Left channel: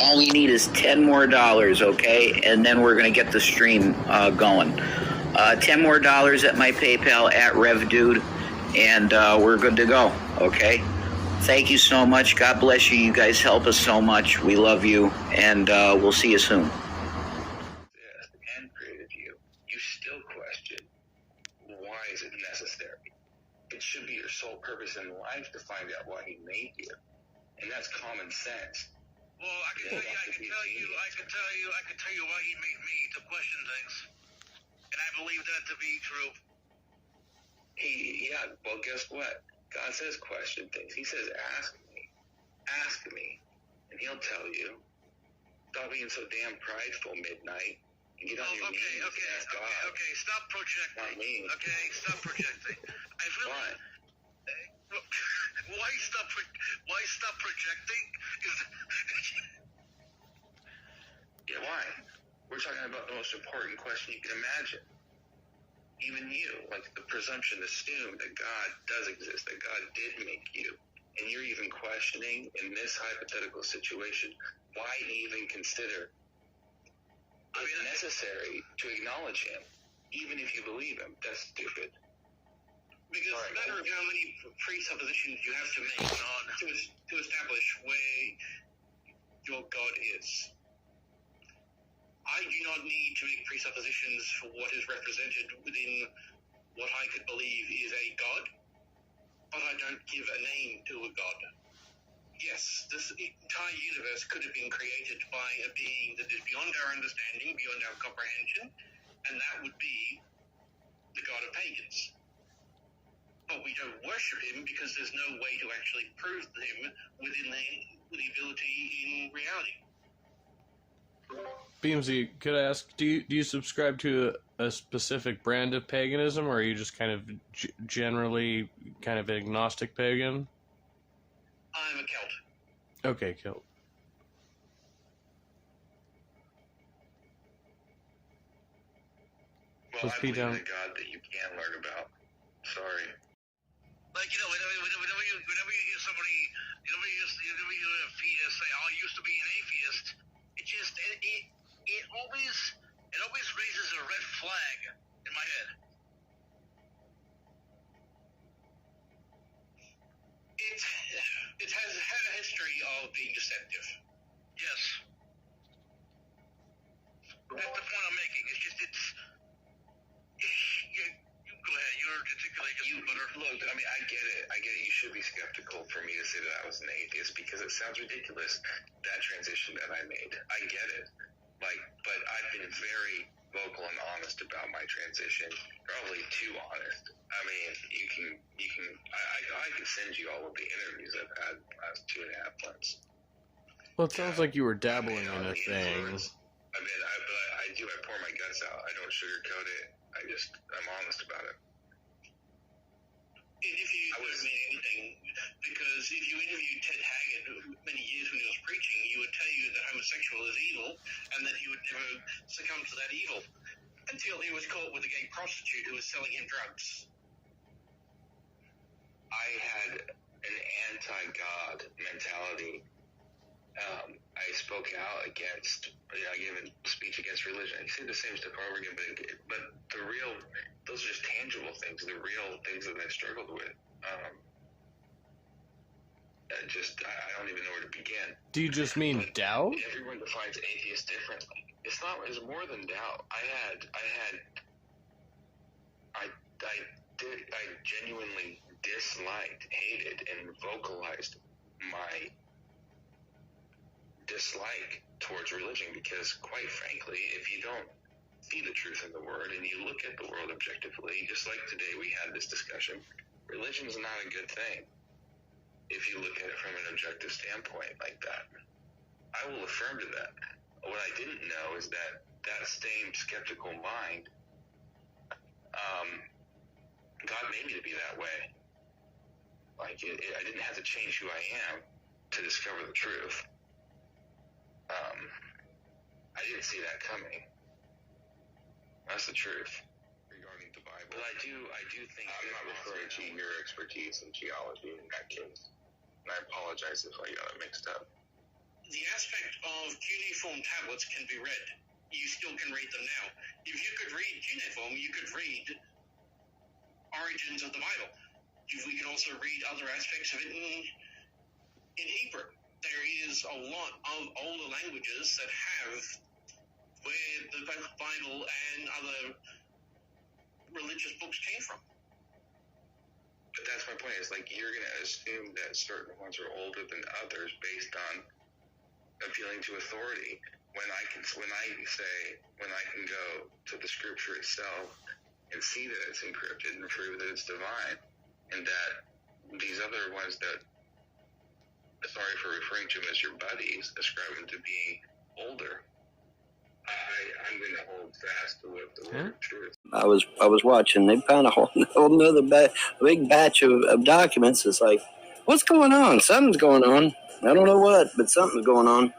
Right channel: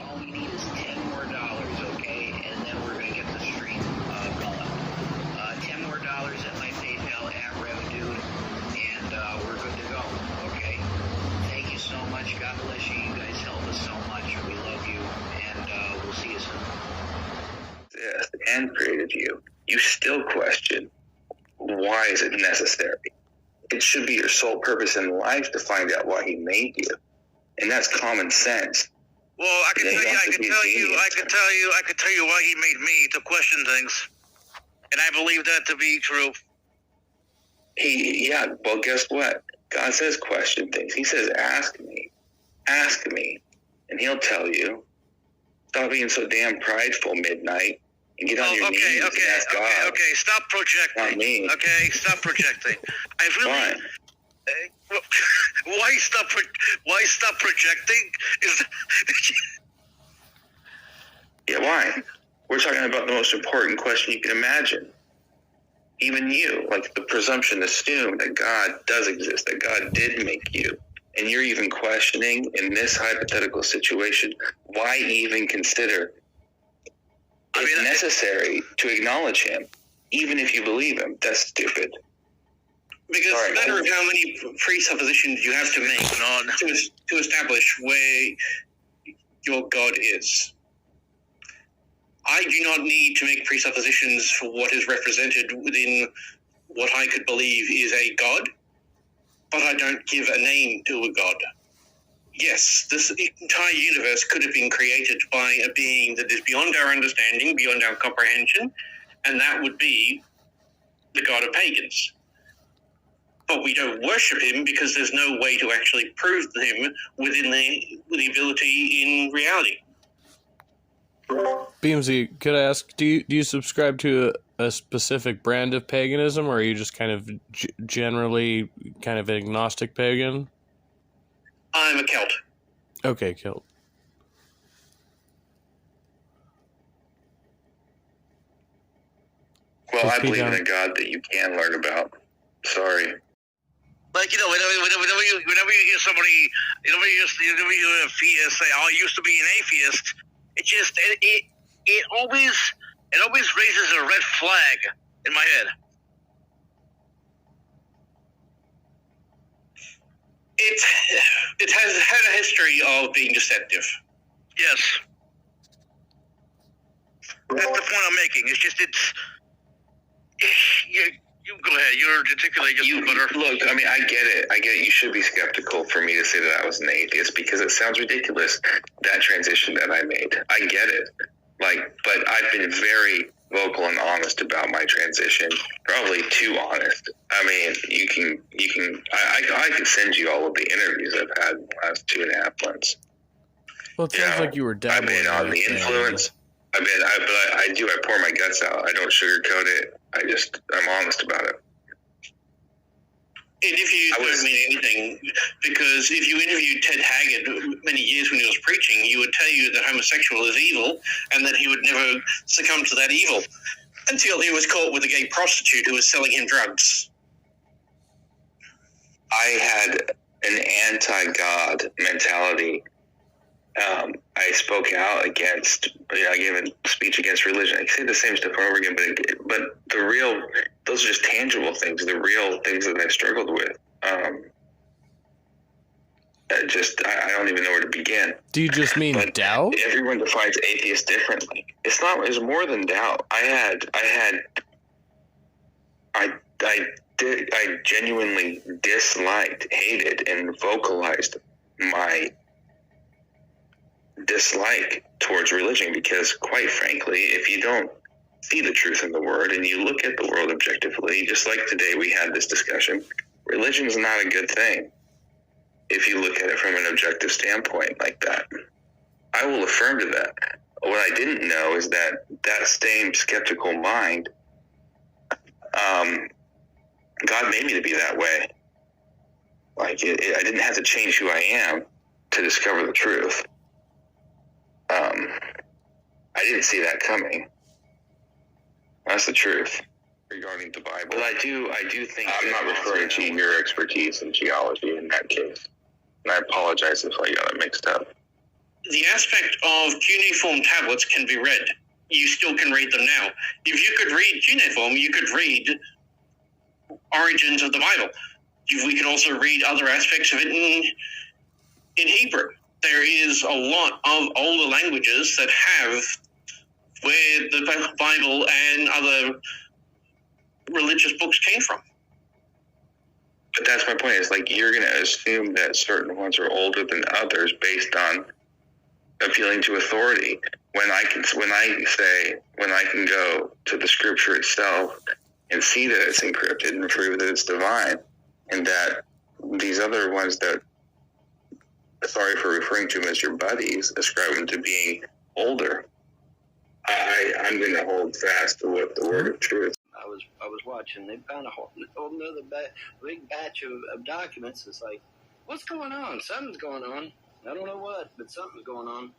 All we need is $10 more, okay? And then we're going to get the stream going. $10 more at my PayPal at RevDude, and we're good to go, okay? Thank you so much. God bless you. You guys help us so much. We love you, and we'll see you soon. And created you. You still question, why is it necessary? It should be your sole purpose in life to find out why he made you. And that's common sense. Well, I can tell you why he made me, to question things. And I believe that to be true. Well, guess what? God says question things. He says, ask me, and he'll tell you. Stop being so damn prideful, Midnight, and get on your knees and ask God. Okay, stop projecting. Not me. Okay, stop projecting. I really... Fine. Why stop projecting? Yeah, why? We're talking about the most important question you can imagine. Even you, like the presumption, assume that God does exist, that God did make you. And you're even questioning, in this hypothetical situation, why even consider it necessary to acknowledge him, even if you believe him. That's stupid. Because it's a matter of how many presuppositions you have to make to establish where your God is. I do not need to make presuppositions for what is represented within what I could believe is a God, but I don't give a name to a God. Yes, this entire universe could have been created by a being that is beyond our understanding, beyond our comprehension, and that would be the God of pagans. But we don't worship him because there's no way to actually prove him within the ability in reality. Beamsy, could I ask, do you subscribe to a specific brand of paganism, or are you just kind of generally kind of agnostic pagan? I'm a Celt. Okay, Celt. Well, I believe in a God that you can learn about. Sorry. Like, you know, whenever you hear somebody, whenever you hear a theist say, "Oh, I used to be an atheist," it always raises a red flag in my head. It has had a history of being deceptive. Yes. That's the point I'm making. It's just, you go ahead. You're articulating just better. Look, I mean, I get it. You should be skeptical for me to say that I was an atheist, because it sounds ridiculous, that transition that I made. I get it. But I've been very vocal and honest about my transition. Probably too honest. I mean, I can send you all of the interviews I've had in the last 2.5 months. Well, it sounds like you were dabbling. I've been on the influence. I pour my guts out. I don't sugarcoat it. I'm honest about it. Interviews don't mean anything, because if you interviewed Ted Haggard many years when he was preaching, he would tell you that homosexual is evil and that he would never succumb to that evil until he was caught with a gay prostitute who was selling him drugs. I had an anti-God mentality. I spoke out against, I gave a speech against religion. I say the same stuff over again, but those are just tangible things, the real things that I struggled with. I don't even know where to begin. Do you just mean doubt? Everyone defines atheist differently. It's more than doubt. I genuinely disliked, hated, and vocalized my dislike towards religion, because quite frankly, if you don't see the truth in the word and you look at the world objectively, just like today we had this discussion, religion is not a good thing if you look at it from an objective standpoint like that. I will affirm to that. What I didn't know is that same skeptical mind, God made me to be that way. I didn't have to change who I am to discover the truth. I didn't see that coming. That's the truth regarding the Bible. But I do think I'm not referring to your expertise in geology in that case. And I apologize if I got it mixed up. the aspect of cuneiform tablets can be read. You still can read them now. If you could read cuneiform, you could read origins of the Bible. We can also read other aspects of it in Hebrew. There is a lot of older languages that have where the Bible and other religious books came from. But that's my point. It's like you're going to assume that certain ones are older than others based on appealing to authority. When I can go to the scripture itself and see that it's encrypted and prove that it's divine, and that these other ones that, sorry for referring to them as your buddies, ascribe them to being older, I'm going to hold fast to what the word of truth. I was watching. They found a whole another big batch of documents. It's like, what's going on? Something's going on. I don't know what, but something's going on.